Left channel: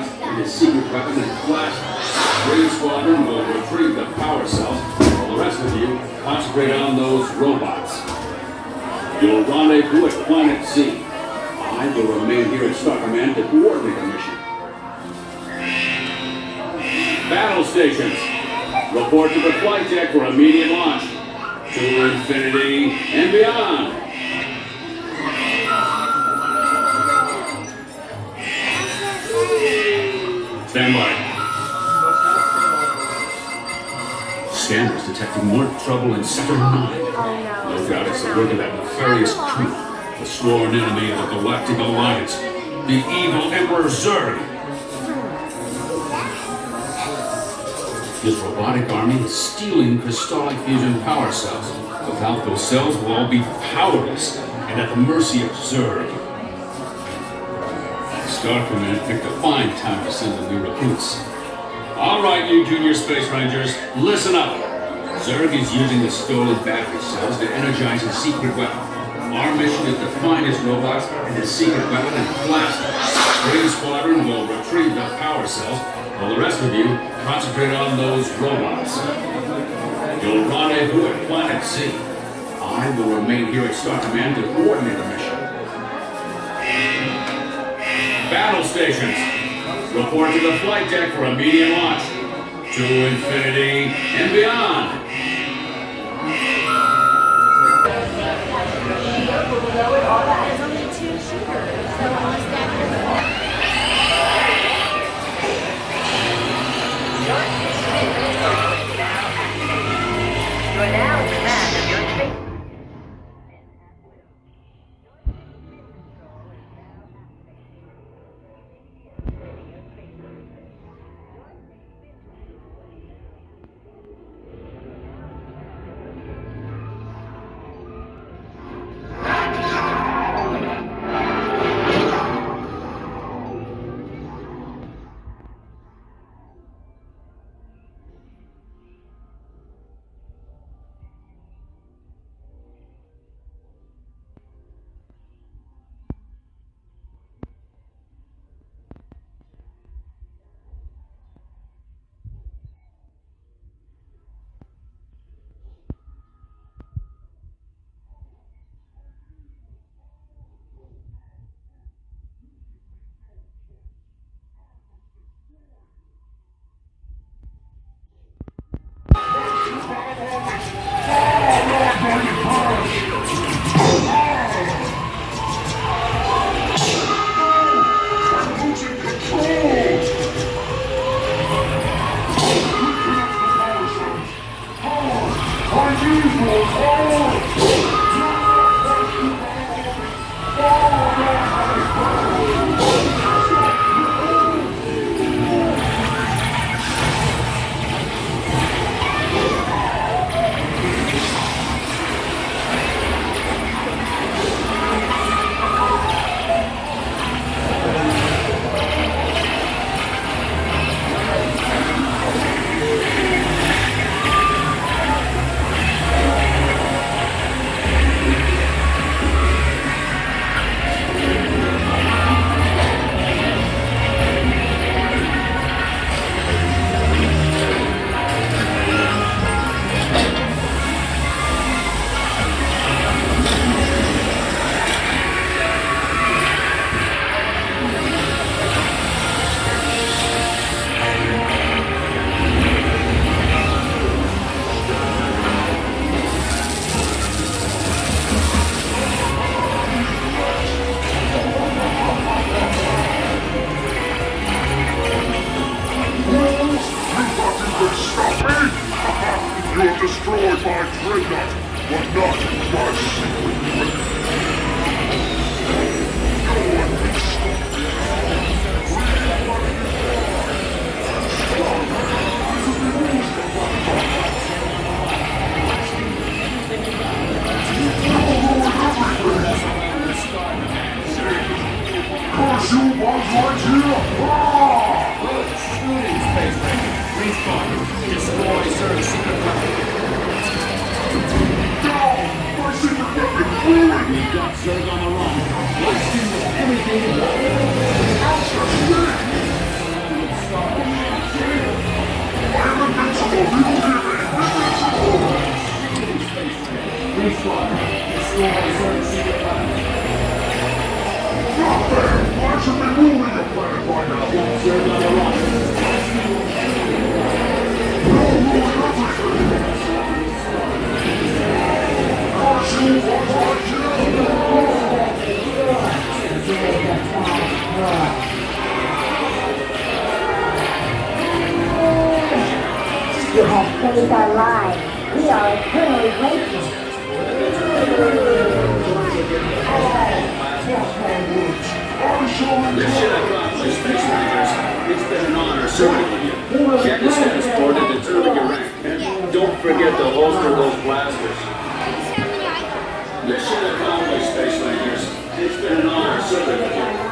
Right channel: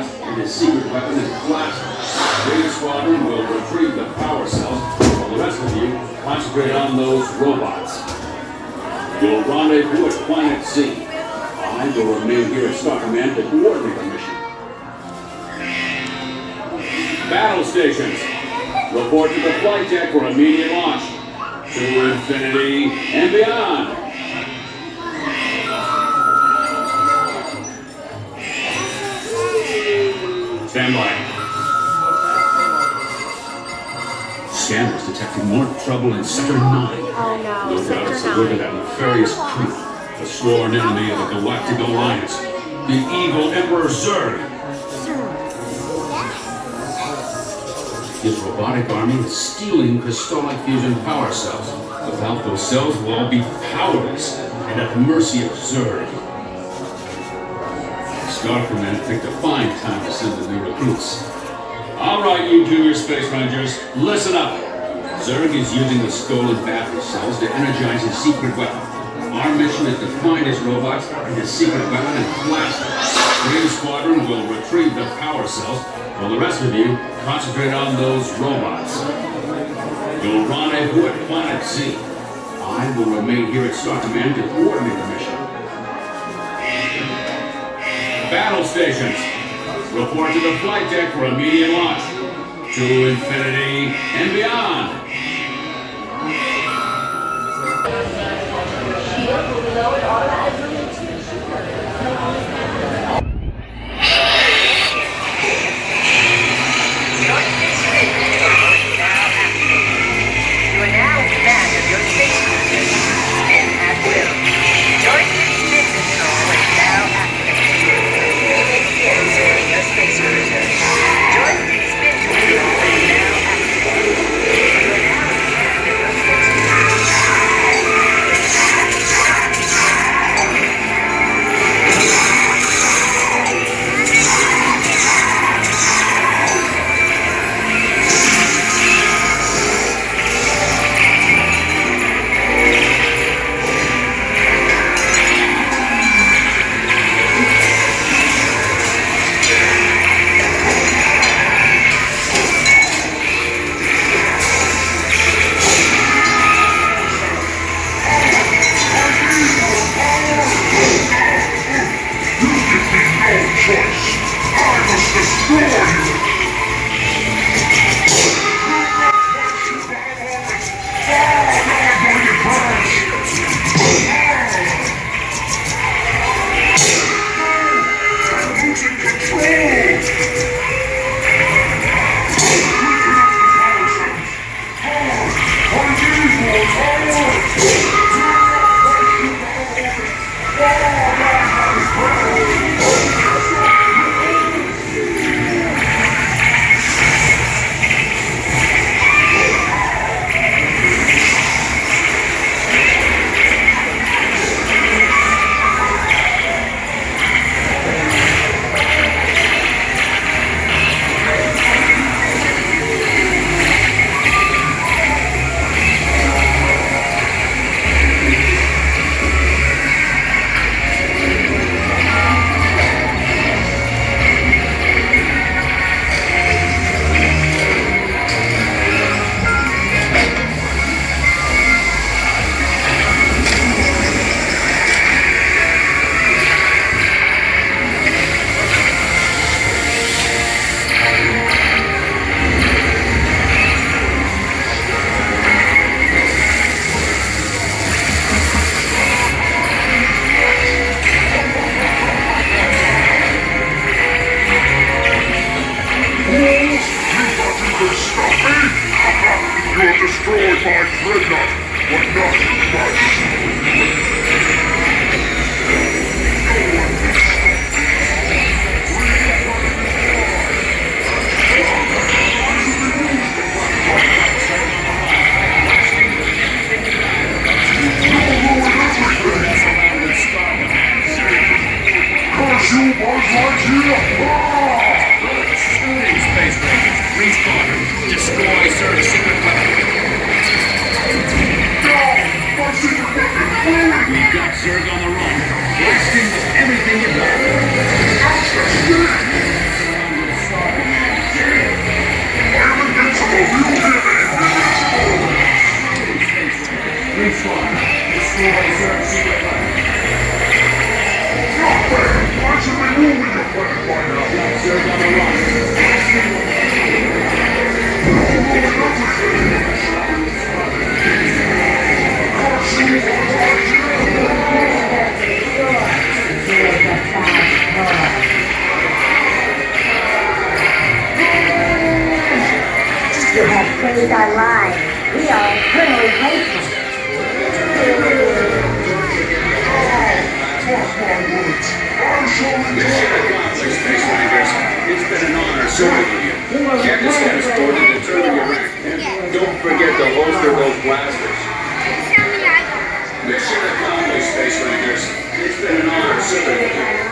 robots and his secret weapon and blast. Green Squadron will retrieve the power cells, while the rest of you concentrate on those robots. You'll rendezvous at Planet Z. I will remain here at Star Command to coordinate the mission. Battle stations. Report to the flight deck for immediate launch. To infinity and beyond. Stand by. Scanners detecting more trouble in Sector 9. No doubt it's the work of that nefarious crew, the sworn enemy of the Galactic Alliance, the evil Emperor Zurg. His robotic army is stealing crystallic fusion power cells. Without those cells, we'll all be powerless and at the mercy of Zurg. Star Command picked a fine time to send the new recruits. All right, you junior space rangers, listen up. Zurg is using the stolen battery cells to energize his secret weapon. Our mission is to find his robots and his secret weapon and blast them. Green Squadron will retrieve the power cells, while the rest of you concentrate on those robots. You'll rendezvous at Planet Z. I will remain here at Star Command to coordinate the mission. Battle stations. Report to the flight deck for immediate launch. To infinity and beyond. you, Buzz Lightyear! Shooting Space Rangers, respawn, destroy Zurg's secret weapon. Down! My secret weapon! Forward! We've got Zurg on the run. Blast him with everything you've got. You have saved our lives. We are eternally grateful. Mission accomplished, Space Rangers. It's been an honor serving with you. Check the status board and determine your rank. And don't forget to holster those blasters. Mission accomplished, Space Rangers. It's been an honor serving with you.